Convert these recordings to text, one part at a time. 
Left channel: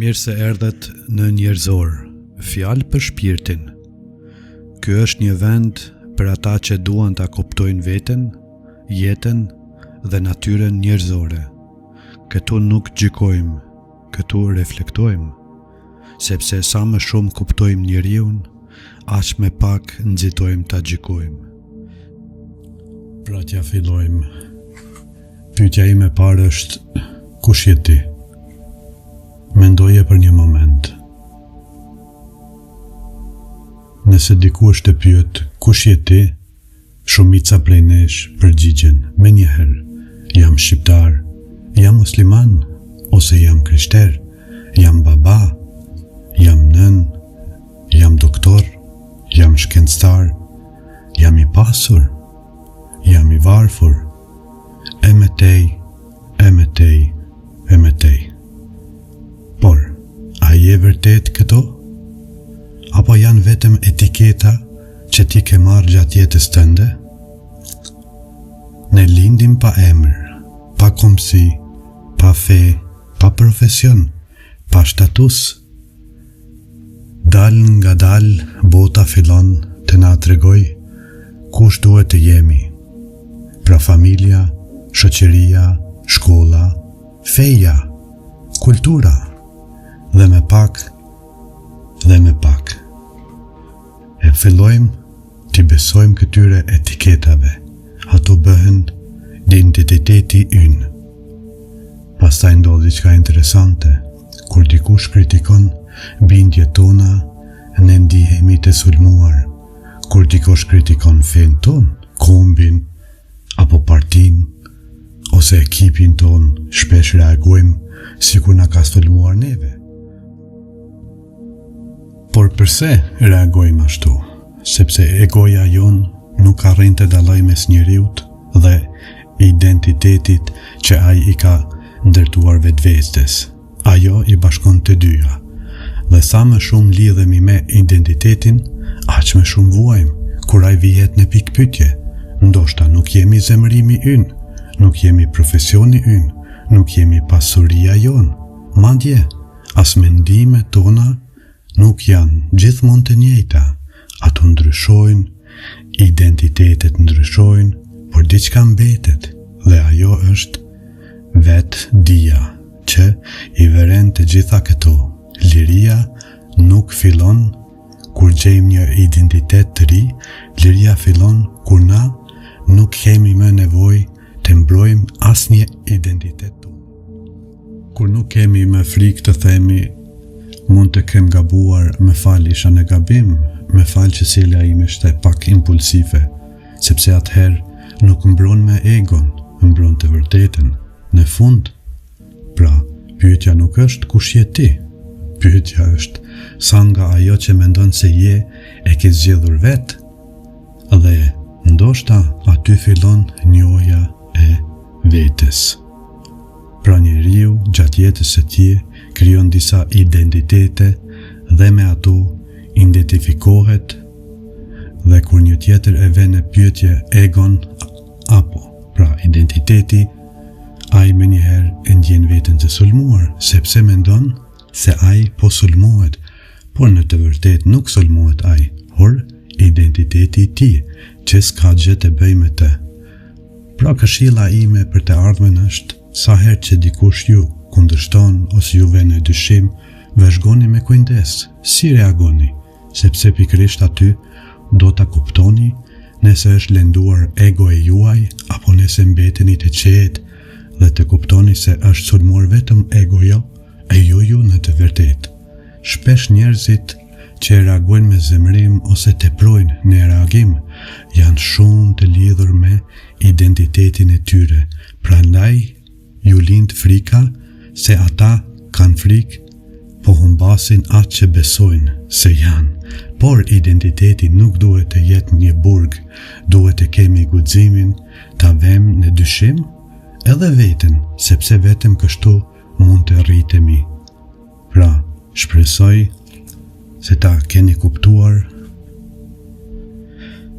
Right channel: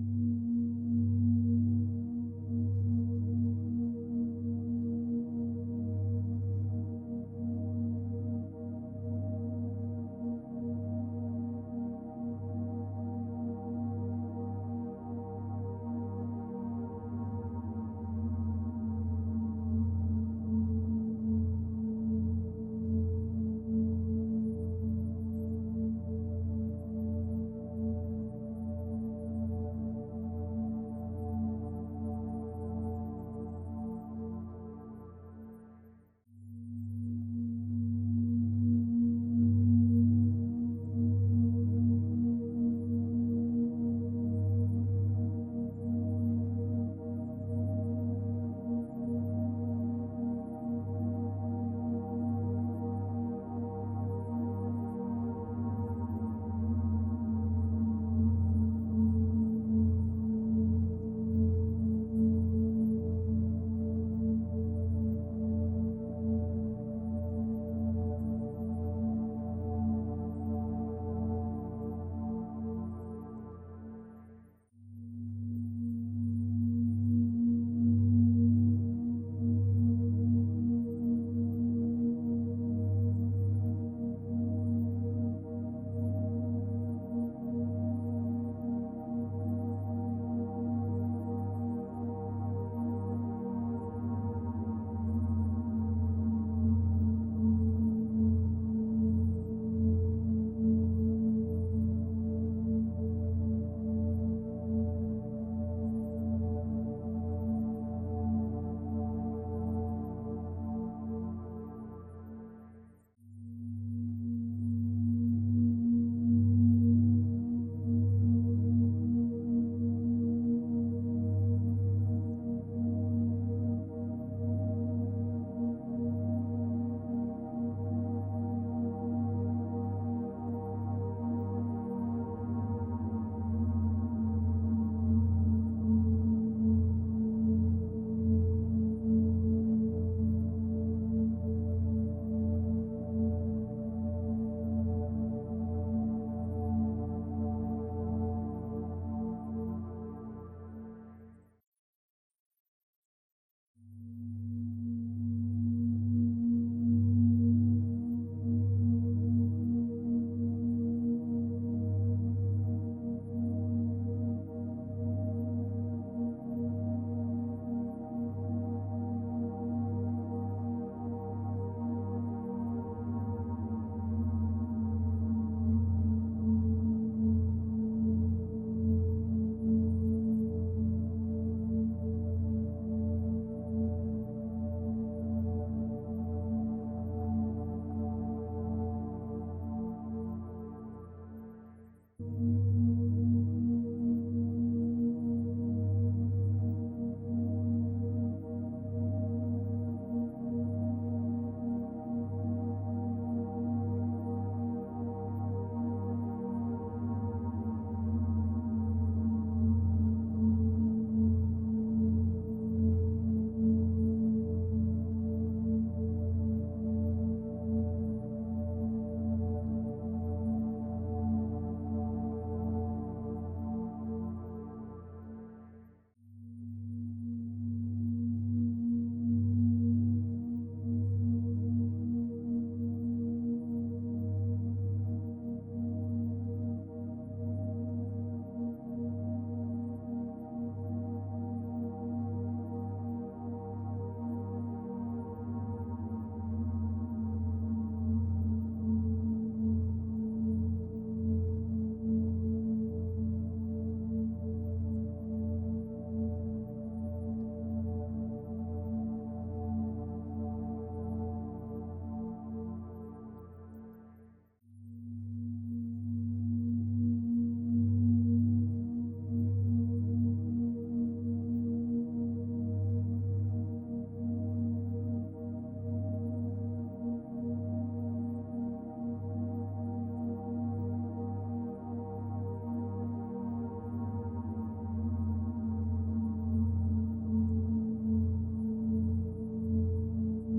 Mirë se erdhet në Njerëzor, fjalë për shpirtin. Ky është një vend për ata që duan ta kuptojnë veten, jetën dhe natyrën njerëzore. Këtu nuk gjykojmë, këtu reflektojmë, sepse sa më shumë kuptojmë njeriun, aq më pak nxitojmë ta gjykojmë. Pra t'ja fillojmë. Pyetja ime e parë është: kush je ti? Mendoje për një moment. Nëse dikush të pyet kush je ti, shumica prej nesh përgjigjen me njëherë: jam shqiptar, jam musliman, ose jam krishter, jam baba, jam nën, jam doktor, jam shkencëtar, jam i pasur, jam i varfër, e me tej, e me tej, e me tej. Por, a je vërtet këto? Apo janë vetëm etiketa që ti ke marrë gjatë jetës tënde? Ne lindim pa emër, pa komsi, pa fe, pa profesion, pa status. Dal nga dal, bota fillon të na tregoj kush duhet të jemi. Pra familja, shoqëria, shkolla, feja, kultura, dhe me pak, e fillojmë t'i besojmë këtyre etiketave, ato bëhen identiteti ynë. Pastaj ndodh diçka interesante, kur dikush kritikon bindjet tona, ne ndihemi të sulmuar. Kur dikush kritikon fen ton, kombin, apo partin, ose ekipin ton, shpesh reagojmë sikur na ka sulmuar neve. Por përse reagojmë ashtu? Sepse egoja jon nuk arrin të dallojë mes njeriut dhe identitetit që ai i ka ndërtuar vetvestes. Ajo i bashkon të dyja. Dhe sa më shumë lidhemi me identitetin, aq më shumë vuajmë kur ai vihet në pikpyetje. Ndoshta nuk jemi zemërimi ynë, nuk jemi profesioni ynë, nuk jemi pasuria jon. Madje as mendimet tona nuk janë gjithmonë të njëjta. Ato ndryshojnë, identitetet ndryshojnë, por diçka mbetet, dhe ajo është vetë dia, që i veren të gjitha këto. Liria nuk fillon kur gjejmë një identitet të ri, liria fillon kur na nuk kemi më nevojë të mbrojmë asnjë identitet tonë. Kur nuk kemi më frikë të themi: mund të kem gabuar, më fal, isha në gabim, më fal që sjellja ime ishte pak impulsive, sepse atëherë nuk mbron me egon, mbron të vërtetën. Në fund, pra, pyetja nuk është kush je ti, pyetja është sa nga ajo që mendon se je e ke zgjedhur vetë, dhe ndoshta aty fillon njohja e vetes. Pra njeriu gjatë jetës së tij krijon disa identitete dhe me ato identifikohet, dhe kur një tjetër e vën në pyetje egon apo pra identiteti, ai menjëherë e ndjen veten të sulmuar, sepse mendon se ai po sulmohet, por në të vërtetë nuk sulmohet ai, por identiteti i tij që s'ka gjë të bëjë me të. Pra këshilla ime për të ardhmen është: sa herë që dikush ju kundërshton ose ju vjen në dyshim, vëzhgoni me kujdes, si reagoni, sepse pikërisht aty do ta kuptoni nëse është lënduar ego e juaj, apo nëse mbeteni të qetë dhe të kuptoni se është sulmuar vetëm egoja e juju në të vërtetë. Shpesh njerëzit që reagojnë me zemrim ose teprojnë në reagim janë shumë të lidhur me identitetin e tyre. Prandaj ju lind frika se ata kanë frikë, po humbasin atë që besojnë se janë. Por identiteti nuk duhet të jetë një burg, duhet të kemi guximin ta vëmë në dyshim edhe veten, sepse vetëm kështu mund të rritemi. Pra, shpresoj se ta keni kuptuar.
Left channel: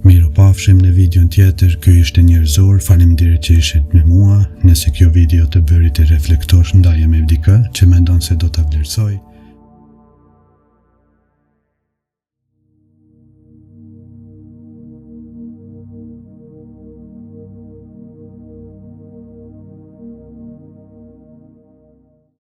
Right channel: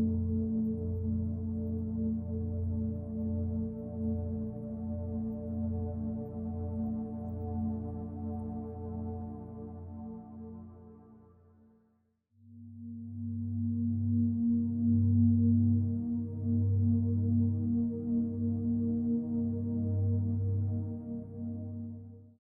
Miropafshim në videon tjetër. Ky ishte Njerëzor. Faleminderit që ishit me mua. Nëse kjo video të bëri të reflektosh ndaje me dikë që mendon se do ta vlerësoj,